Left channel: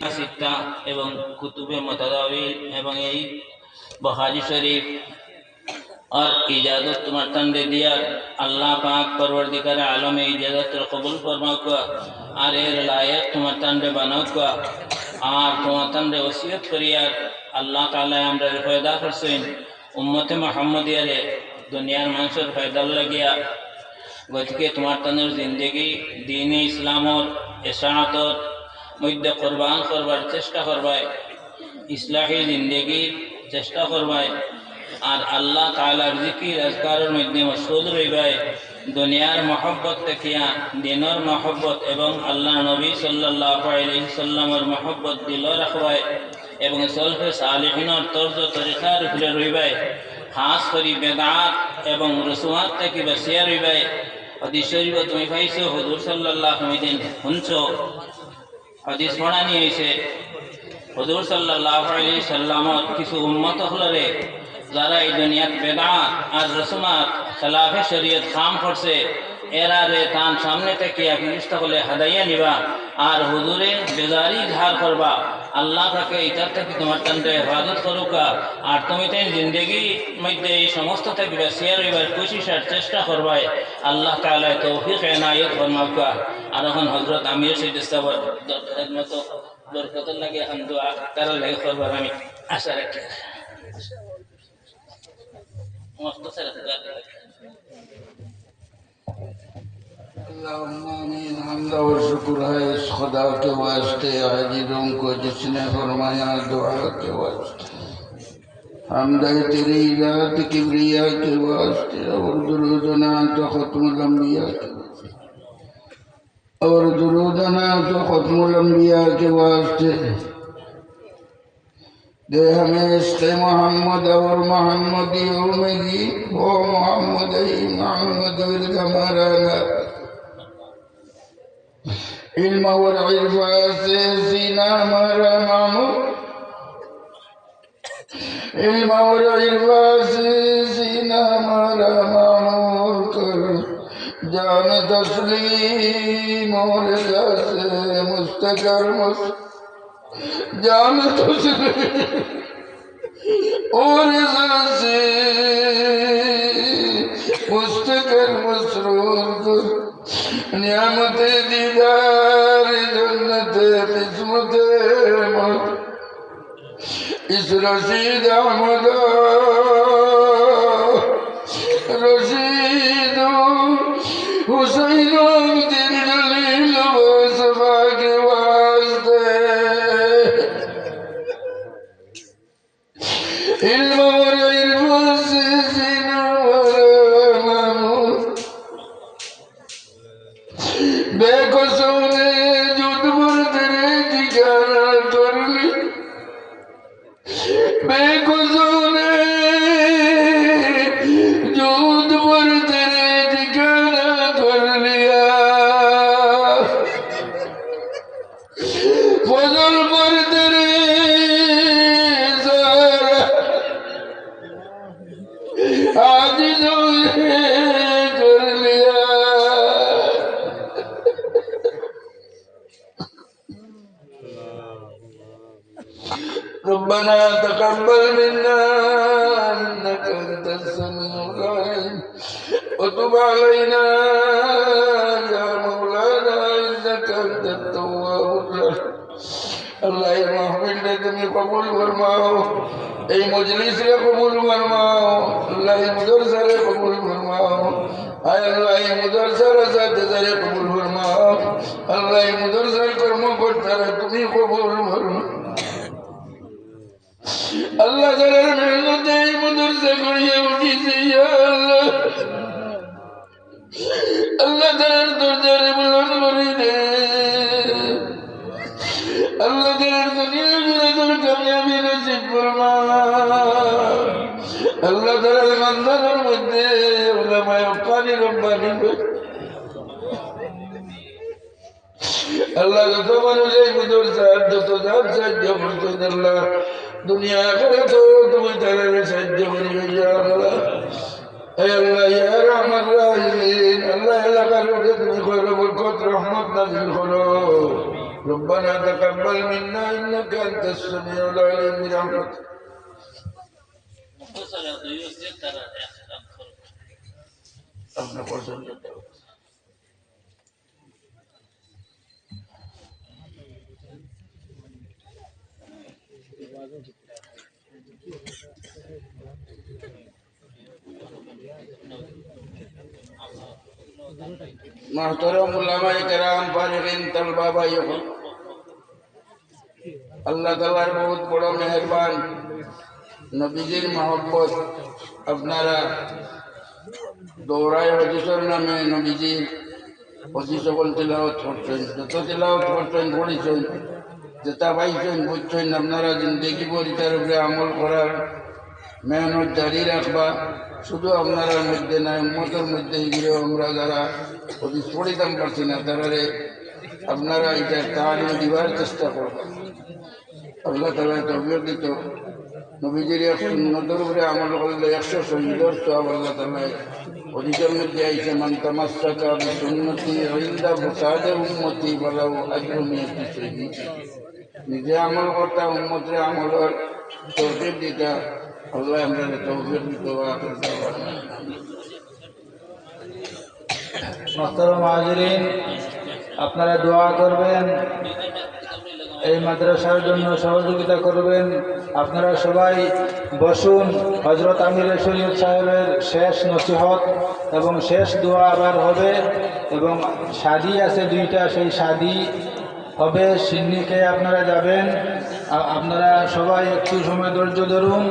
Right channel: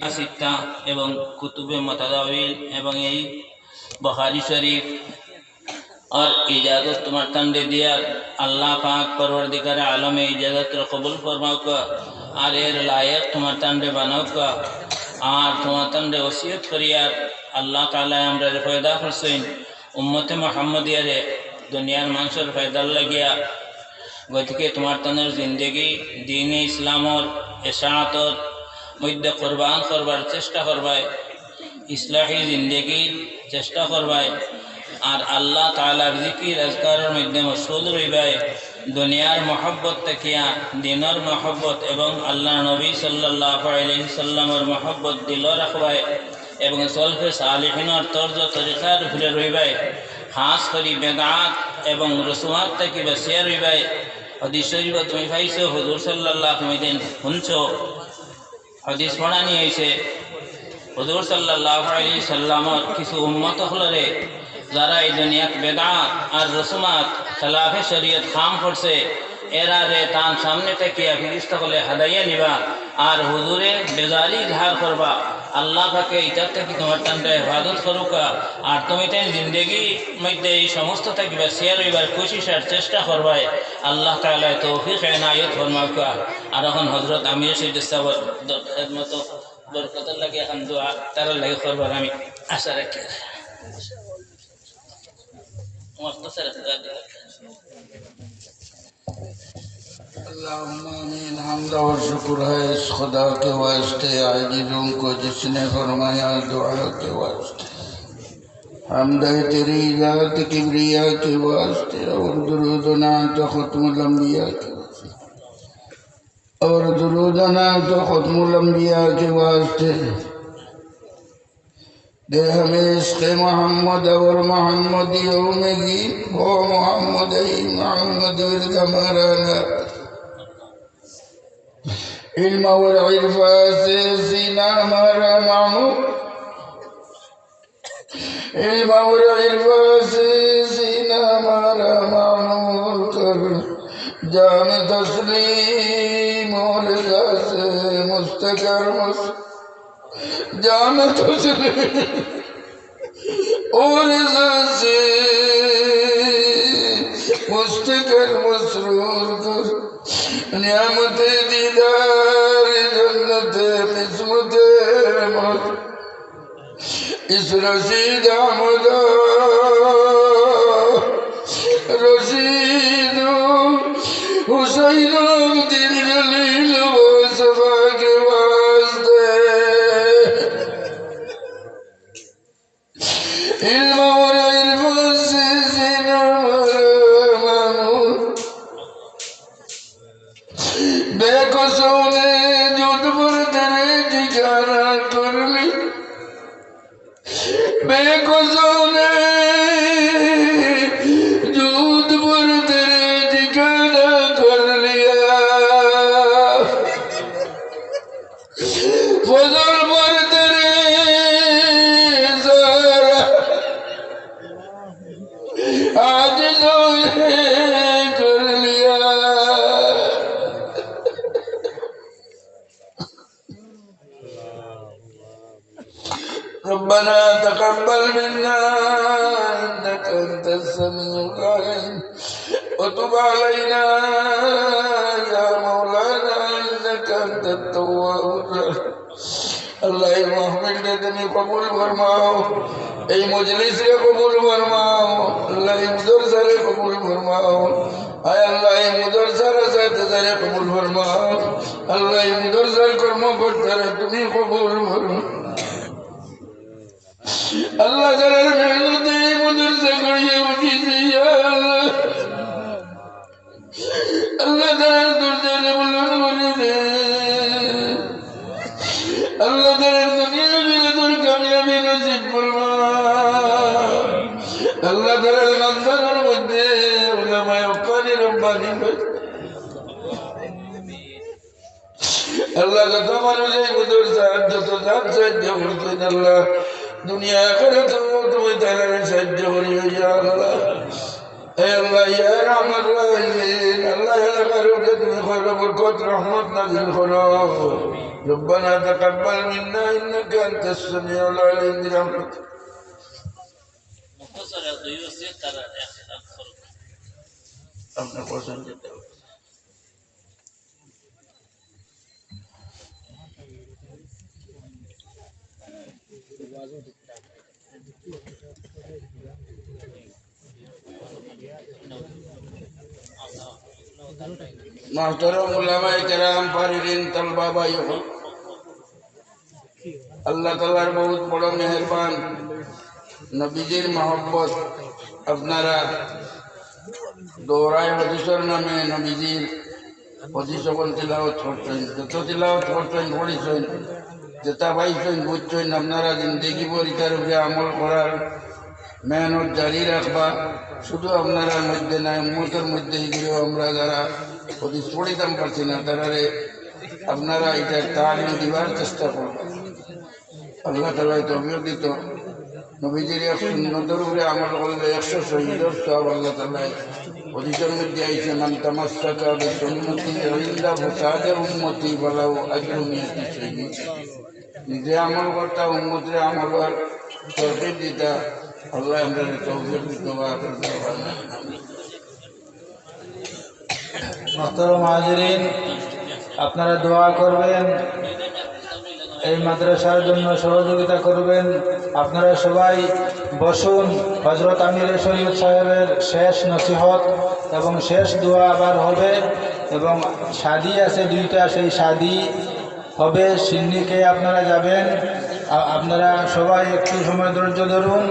সিত্তা এবং কুতুবে মুতাদাওয়িল এবং এই বুখারী শরীফ और इजाज़त तुम्हारे तंदे दिया अल्लाह पाक परवरदिगार आलम इजाज़त कबूल फरमाओ का और एर लायक तुम्हारे तंदे बनाओ का और तुम्हारे तंदे वसीयत करिया अल्लाह ताला हमरा फायदा फरसइन उम्मत मुहम्मदिया रे दुनियार मानसर फायदा लगिया गतिके तुम्हारे तंदे जिंदगी दीन इस्लाम और इशाअत और मध्य कुर्बान करवार चेष्टा करवाए इस्लाही जिंदगी चेष्टा करवाए और अल्लाह तालार जिकिर अज़कारेर मध्य मशगूल रहिबाय दुनियार मोहब्बत तकिया दिनर मोहब्बत एवं अल्लाह नबी सल्लल्लाहु अलैहि वसल्लमेर मोहब्बत दिलो राखबाय एवं सलफे सालिहिनर तर्ज तरिकार उपरे रहिबाय खास करी बेदात एवं रसूमात तकी बसिया रहिबाय हदीस शरीफ তুমি পাইছো হুজুর সাল্লাল্লাহু আলাইহি ওয়াসাল্লাম শুনছো हदीस पढ़ानी ऐसे हुजूर सल्लल्लाहु अलैहि वसल्लम किसी उम्मत हलरे যারা এই দুনিয়াত বেদাত আর রসুমাত খেলাফে শরীয়ত খাম করছে এরা রে তার সামনে থেকে ফিরিস্তা হলে হাদাইয়া নিবা আর হুজুরে বেজারি ধার করবা আল্লাহ পাকে এটার থেকে তোমার তান্ডে হেফাজত করুকা আর তুমি তো জিন্দগি মধ্যে এই সমস্ত থেকে বাঁচিয়ে রইবার কোশিশের চেষ্টা করবাই আল্লাহ তাআলা তৌফিক এনায়েত ফরমাউকা আর এখন হযরত আমিও সেই দস্তাবর মতো বরকত লাগে এখন দোয়া তার লাগে করবার আমি আশা রাখি हमद और शुक्र है इस खुदा के वास्ते आजिज़ों को जिसने फरमाया दुआ के वास्ते हमद है तेरी ज़ात किबरिया के वास्ते और दुरूदना तो ख़त्मुल अंबिया के वास्ते और दुरूदना तो ख़त्मुल अंबिया के वास्ते दे हमें इश्क़ मोहम्मद और मोहम्मदियों में की हो मोहम्मद ही मोहम्मद विरद मराना इल्म और इल्फा से सीना हमारा मामूर इल्म और इल्फा से सीना हमारा मामूर कर जान तस्लीम और से मुस्तकर जान तस्लीम और से मुस्तकर मसरूर कर नियामत दीदार जन्नत किस्मत इस रशीद अहमद रशीद हुसैन दिल जलील वसफा के वास्ते इल्म और इल्म से सीना बेकसों ने जुद पर तेरे ठिकाना कर ली बेकसों ने जुद पर तेरे ठिकाना कर लिया फजल पर तेरे ज़रा आजिज़ों ने कर लिया ربنا تقبل منا إنك أنت السميع العليم وتب علينا يا مولانا إنك أنت التواب الرحيم الله محمد তুমি কবুল ফরমাও এই মজলিসে কবুল ফরমাও আল্লাহ মুদরসারে কবুল ফরমাও আয় আল্লাহ মুদরসার সাথে যারে কবুল ফরমাও আল্লাহ মুদরসার কর্মকর্তারে তুমি কবুল ফরমাও अल्लाह जरा मेहनत मदर से करिए उनकी अल्लाह जरा दुर्जर बुलंद करी दे अल्लाह जरा दुनिया में दूर कामयाबी नसीब फरमा अल्लाह जरा मंदिर और मध्य उलमाए उकानी रब्बानी अल्लाह का तो मनुष्य गुजर साहब तो जात से जब अल्लाह दुनिया करे तो तुम्हें तेरे सज्ज करियो या अल्लाह ए अल्लाह या रहमत रहीम अल्लाह या करो कि तुम्हें खैर बरकत रहमत नाज़िल करो ربنا تقبل منا إنك أنت السميع العليم برحمتك. अपना पसंद करता हूँ मोहतरम उलमाए किराम फारिगीन तलबा भाइयों अल्लाह ताला बहुत बड़ा मेहरबान नबीजीर मोहब्बत अपनारा दौराए हदीसर नामे नबीजीर हदीस সকল তিলাওয়াত করতেন যত তিলাওয়াত করতেন পড়েছেন যেটা পাইছেন বুঝছেন আপনারা জিন্দেগি পরিতার উপরে আমল করার মেহনত জারি রাখবা শুধু আপনারা মধ্যে নাই মুহূর্তের মধ্যে এগুলো আমরা যারা হদিস পড়িতাম পারছি না তারারে আপনারা এটা তাড়ানো দিবার চেষ্টা করবেন আল্লাহ তাআলা তৌফিক দিত নবীজির সুন্নতের উপরে আমল করলে 100 শহীদের সওয়াব আল্লাহ তাআলা হদিসের মধ্যে আইছে মান তামাসসাকা বিসুন্নতি ইনদা ফাসাদে উম্মতি ওয়ালাউ আজরু মিয়াতি শহীদ নিজে আমল করতাম উম্মতের আমল তৌফিক দিতা আল্লাহ আমাদের তৌফিক দিত আখির দাওয়ানা মোহতরম হাজিরিন আপনারা দোয়া করবেন এই মাদ্রাসার জন্য সহযোগিতা করবেন আপনারা সবাই বসুন হযরত আমির শরীয়ত সাহেবের শেষ নসিহত এবং শেষ দোয়া আবার হবে এবং শাদী আছে দুইটা সেই শাদী হবে সিন্নিকে আপনারা যাবেন আপনারা সবাই একটু সময় ধৈর্য ধরুন